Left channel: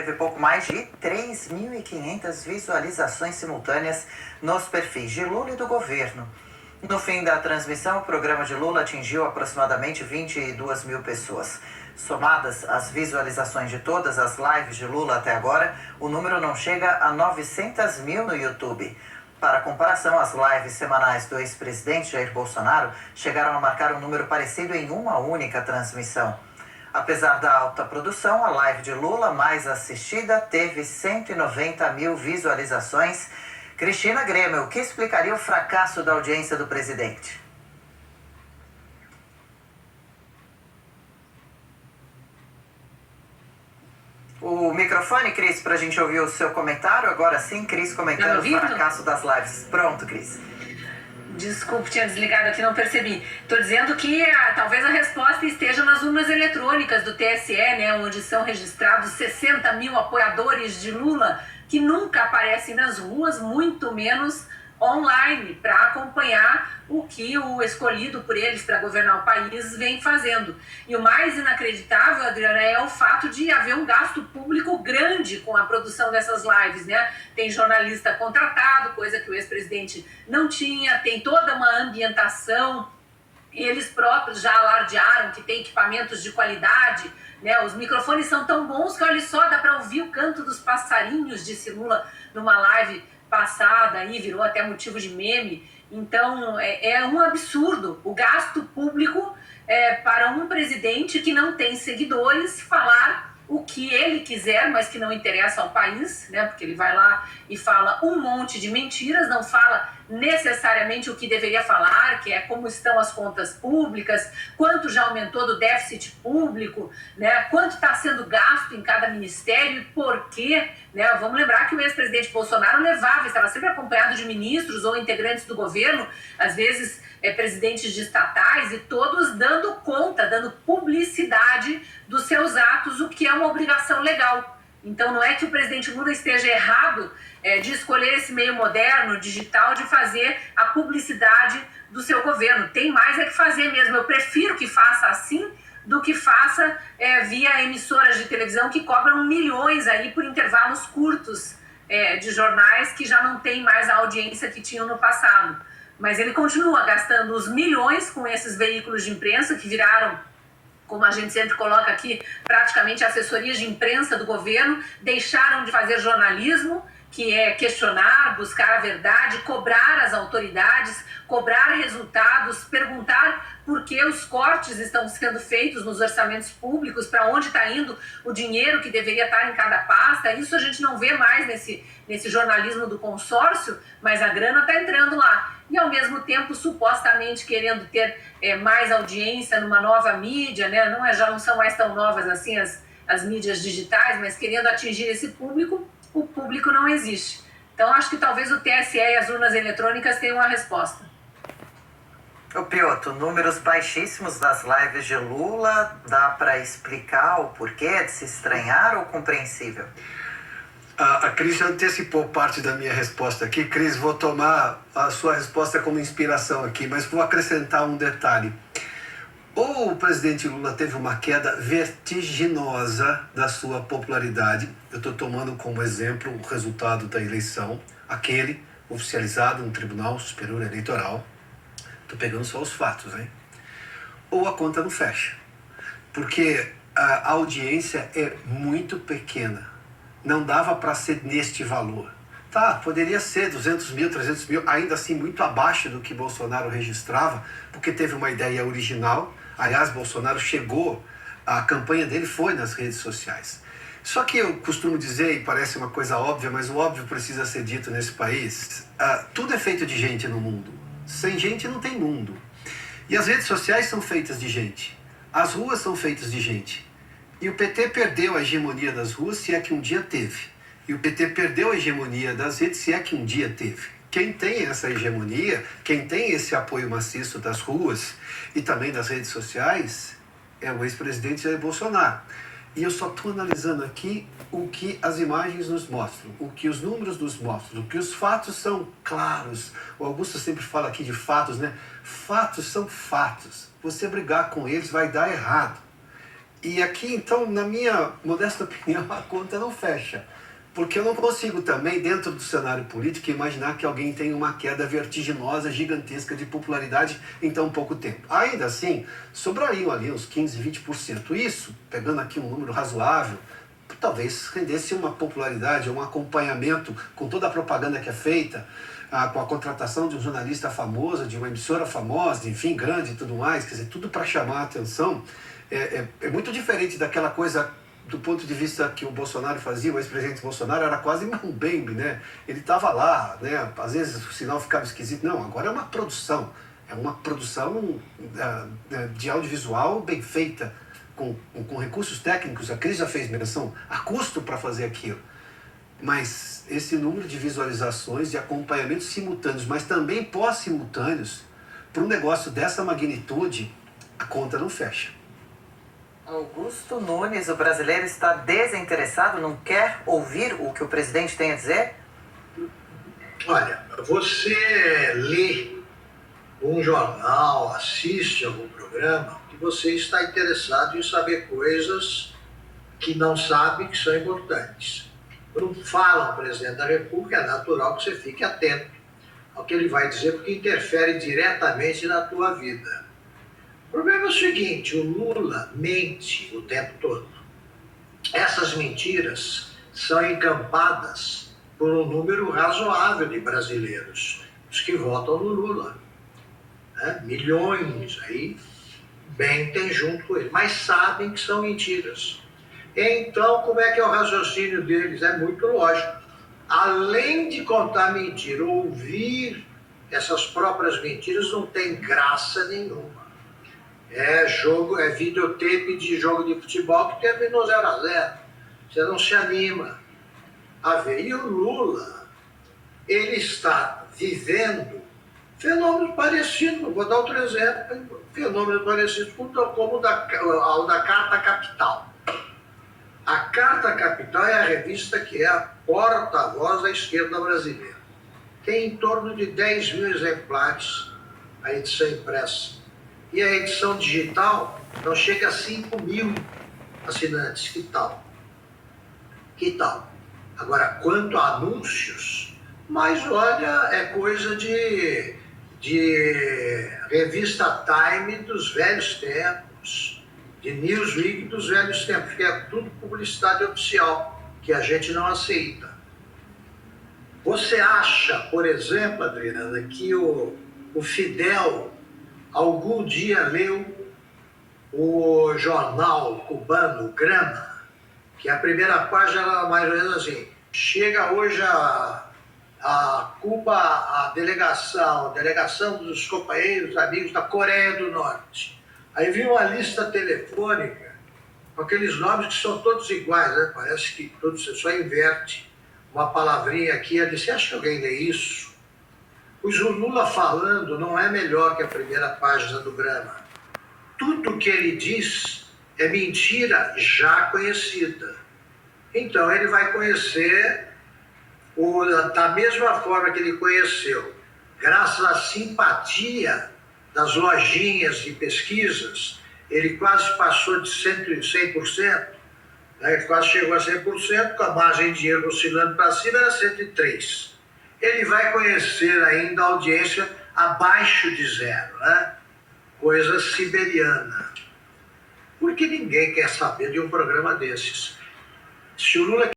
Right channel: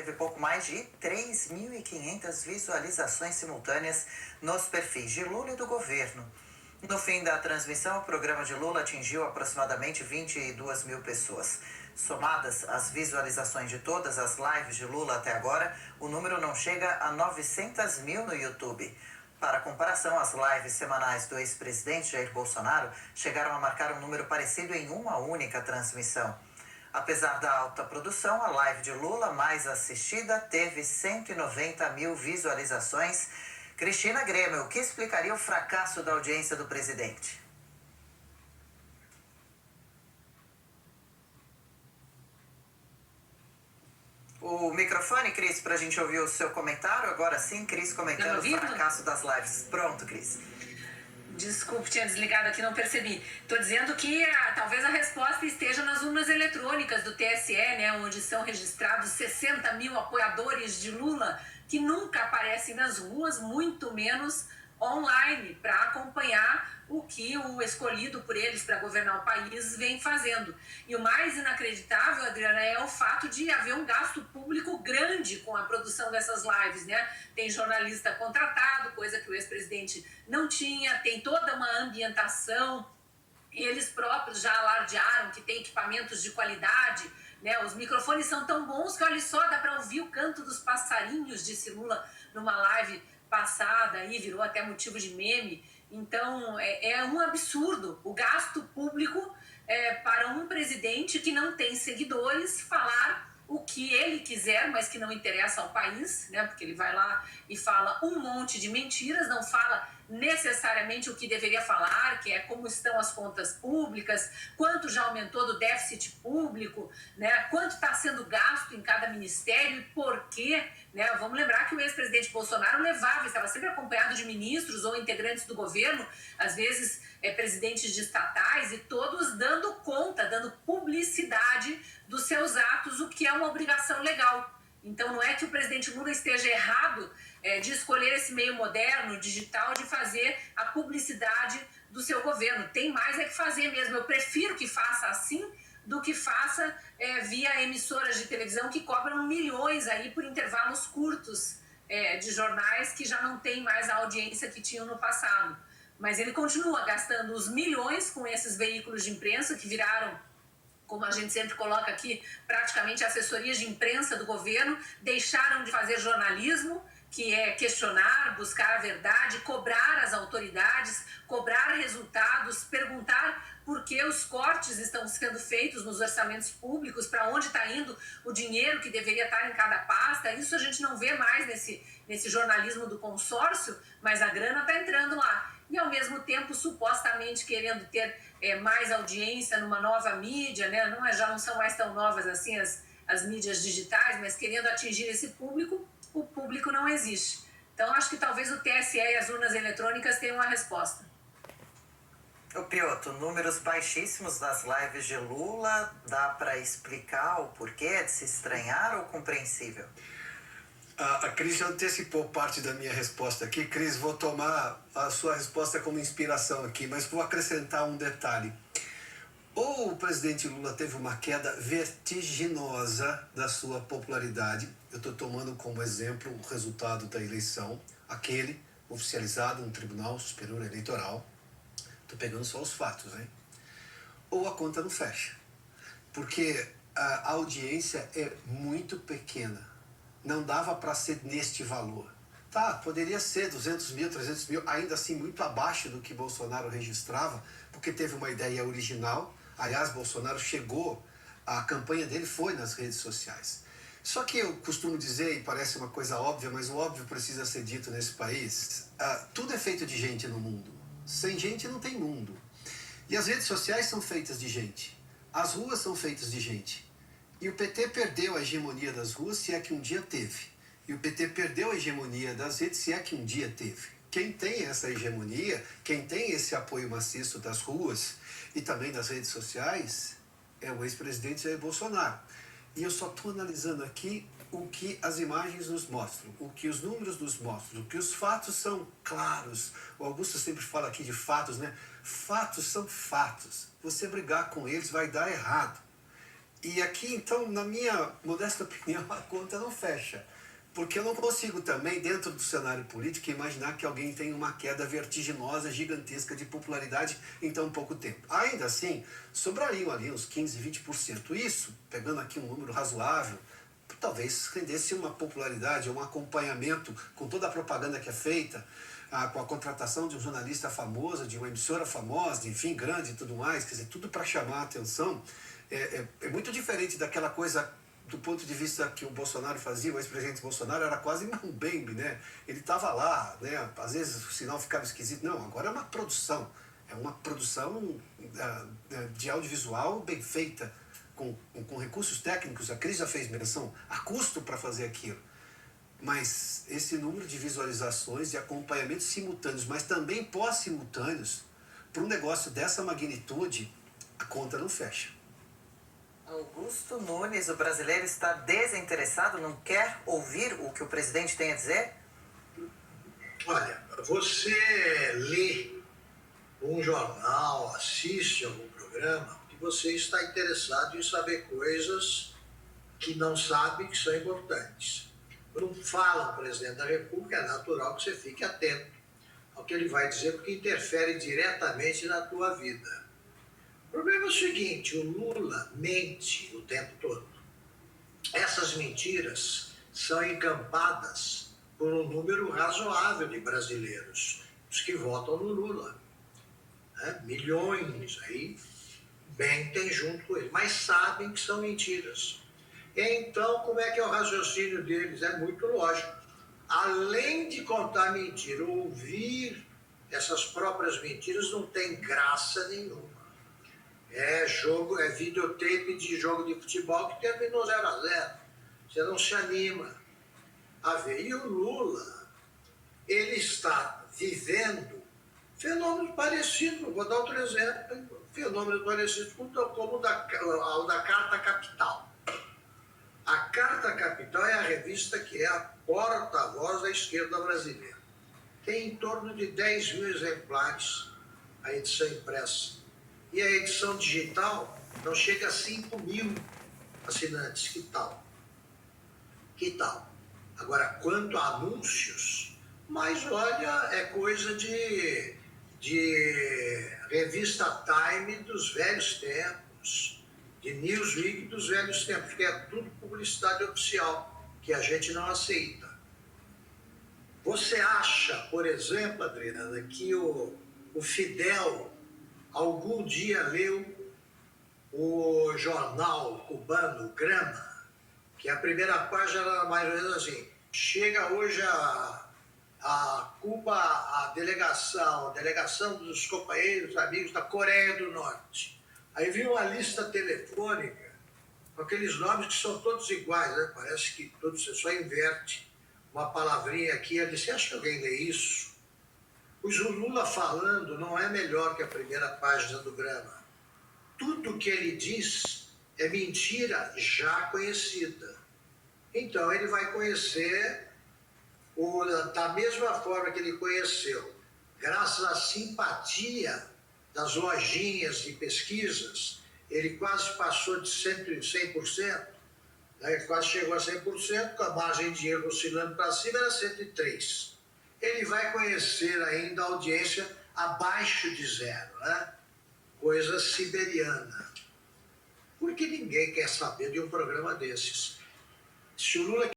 teve pouco mais de 3.500 visualizações simultâneas nos perfis de Lula e do governo. No fim da transmissão, o programa de Lula atingiu aproximadamente 22 mil pessoas. Somadas as visualizações de todas as lives de Lula até agora, o número não chega a 900 mil no YouTube. Para comparação, as lives semanais do ex-presidente Jair Bolsonaro chegaram a marcar um número parecido em uma única transmissão. Apesar da alta produção, a live de Lula mais assistida teve 190 mil visualizações. Cristina Grêmio, o que explicaria o fracasso da audiência do presidente? O microfone, Cris, para a gente ouvir o seu comentário. Agora sim, Cris comentando o fracasso das lives. Pronto, Cris. Desculpe, tinha desligado aqui, não percebi. Estou dizendo que talvez a resposta esteja nas urnas eletrônicas do TSE, né, onde são registrados 60 mil apoiadores de Lula, que nunca aparecem nas ruas, muito menos online, para acompanhar o que o escolhido por eles para governar o país vem fazendo. E o mais inacreditável, Adriana, é o fato de haver um gasto público grande com a produção dessas lives, né? Tem jornalista contratado, coisa que o ex-presidente não tinha, tem toda uma ambientação, eles próprios já alardearam que tem equipamentos de qualidade, né? Os microfones são tão bons que, olha só, dá para ouvir o canto dos passarinhos, disse Lula numa live passada, aí virou até motivo de meme. Então, é um absurdo o gasto público para um presidente que não tem seguidores falar o que ele quiser, mas que não interessa ao país, né? Porque ele vai lá e fala um monte de mentiras, não fala necessariamente o que deveria falar, que é como estão as contas públicas, quanto já aumentou do déficit público, né? Quanto está sendo gasto em cada ministério e por quê, né? Vamos lembrar que o ex-presidente Bolsonaro estava sempre acompanhado de ministros ou integrantes do governo, às vezes presidentes de estatais, e todos dando conta, dando publicidade dos seus atos, o que é uma obrigação legal. Então não é que o presidente Lula esteja errado de escolher esse meio moderno, digital, de fazer a publicidade do seu governo. Tem mais que fazer mesmo. Eu prefiro que faça assim do que faça via emissoras de televisão que cobram milhões aí por intervalos curtos de jornais que já não tem mais a audiência que tinham no passado. Mas ele continua gastando os milhões com esses veículos de imprensa que viraram, como a gente sempre coloca aqui, praticamente assessorias de imprensa do governo, deixaram de fazer jornalismo, que é questionar, buscar a verdade, cobrar as autoridades, cobrar resultados, perguntar por que os cortes estão sendo feitos nos orçamentos públicos, para onde está indo o dinheiro que deveria estar em cada pasta. Isso a gente não vê mais nesse jornalismo do consórcio, mas a grana está entrando lá. E, ao mesmo tempo, supostamente querendo ter mais audiência numa nova mídia, né? Já não são mais tão novas assim as mídias digitais, mas querendo atingir esse público, o público não existe. Então, acho que talvez o TSE e as urnas eletrônicas tenham uma resposta. O Pioto, números baixíssimos das lives de Lula, dá para explicar o porquê de se estranhar ou compreensível? A Cris já antecipou parte da minha resposta aqui. Cris, vou tomar a sua resposta como inspiração aqui, mas vou acrescentar um detalhe. O presidente Lula teve uma queda vertiginosa da sua popularidade. Eu estou tomando como exemplo o resultado da eleição, aquele oficializado no Tribunal Superior Eleitoral. Estou pegando só os fatos, hein? Ou a conta não fecha, porque a audiência é muito pequena. Não dava para ser neste valor. Tá, poderia ser 200 mil, 300 mil, ainda assim muito abaixo do que Bolsonaro registrava, porque teve uma ideia original. Aliás, Bolsonaro chegou, a campanha dele foi nas redes sociais. Só que eu costumo dizer, e parece uma coisa óbvia, mas o óbvio precisa ser dito nesse país, tudo é feito de gente no mundo. Sem gente não tem mundo. E as redes sociais são feitas de gente. As ruas são feitas de gente. E o PT perdeu a hegemonia das ruas, se é que um dia teve. E o PT perdeu a hegemonia das redes, se é que um dia teve. Quem tem essa hegemonia, quem tem esse apoio maciço das ruas e também das redes sociais, é o ex-presidente Jair Bolsonaro. E eu só estou analisando aqui o que as imagens nos mostram, o que os números nos mostram, o que os fatos são claros. O Augusto sempre fala aqui de fatos, né? Fatos são fatos. Você brigar com eles vai dar errado. E aqui, então, na minha modesta opinião, a conta não fecha. Porque eu não consigo também, dentro do cenário político, imaginar que alguém tenha uma queda vertiginosa, gigantesca de popularidade em tão pouco tempo. Ainda assim, sobrariam ali uns 15, 20%. Isso, pegando aqui um número razoável, talvez rendesse uma popularidade, um acompanhamento com toda a propaganda que é feita, com a contratação de um jornalista famoso, de uma emissora famosa, enfim, grande e tudo mais, quer dizer, tudo para chamar a atenção. É muito diferente daquela coisa do ponto de vista que o Bolsonaro fazia, o ex-presidente Bolsonaro era quase um bembe, né? Ele estava lá, né? Às vezes o sinal ficava esquisito. Não, agora é uma produção de audiovisual bem feita, com recursos técnicos. A Cris já fez menção a custo para fazer aquilo. Mas esse número de visualizações, de acompanhamentos simultâneos, mas também pós-simultâneos, para um negócio dessa magnitude, a conta não fecha. Augusto Nunes, o brasileiro está desinteressado, não quer ouvir o que o presidente tem a dizer? Olha, você lê um jornal, assiste algum programa, que você está interessado em saber coisas que não sabe que são importantes. Quando falam o presidente da República, é natural que você fique atento ao que ele vai dizer, porque interfere diretamente na tua vida. O problema é o seguinte, o Lula mente o tempo todo. Essas mentiras são encampadas por um número razoável de brasileiros, os que votam no Lula. Né? Milhões aí mentem junto com ele, mas sabem que são mentiras. Então, como é que é o raciocínio deles? É muito lógico. Além de contar mentira, ouvir essas próprias mentiras não tem graça nenhuma. É videotape de jogo de futebol que terminou 0-0. Você não se anima a ver. E o Lula, ele está vivendo fenômenos parecidos, vou dar outro exemplo, fenômenos parecidos como o da Carta Capital. A Carta Capital é a revista que é a porta-voz da esquerda brasileira. Tem em torno de 10 mil exemplares a edição impressa. E a edição digital não chega a 5 mil assinantes. Que tal? Que tal? Agora, quanto a anúncios, mas olha, é coisa de revista Time dos velhos tempos, de Newsweek dos velhos tempos, que é tudo publicidade oficial, que a gente não aceita. Você acha, por exemplo, Adriana, que o Fidel algum dia leu o jornal cubano Grama, que a primeira página era mais ou menos assim: chega hoje a Cuba a delegação dos companheiros, amigos da Coreia do Norte. Aí viu uma lista telefônica com aqueles nomes que são todos iguais, né? Parece que todos, você só inverte uma palavrinha aqui e ali. Você acha que alguém lê isso? O Lula falando não é melhor que a primeira página do Grama. Tudo que ele diz é mentira já conhecida. Então ele vai conhecer da mesma forma que ele conheceu, graças à simpatia das lojinhas de pesquisas, ele quase passou de 100%, né? Ele quase chegou a 100%, com a margem de erro oscilando para cima, era 103%. Ele vai conhecer ainda a audiência abaixo de 0, né? Coisa siberiana. Porque ninguém quer saber de um programa desses. Se o Lula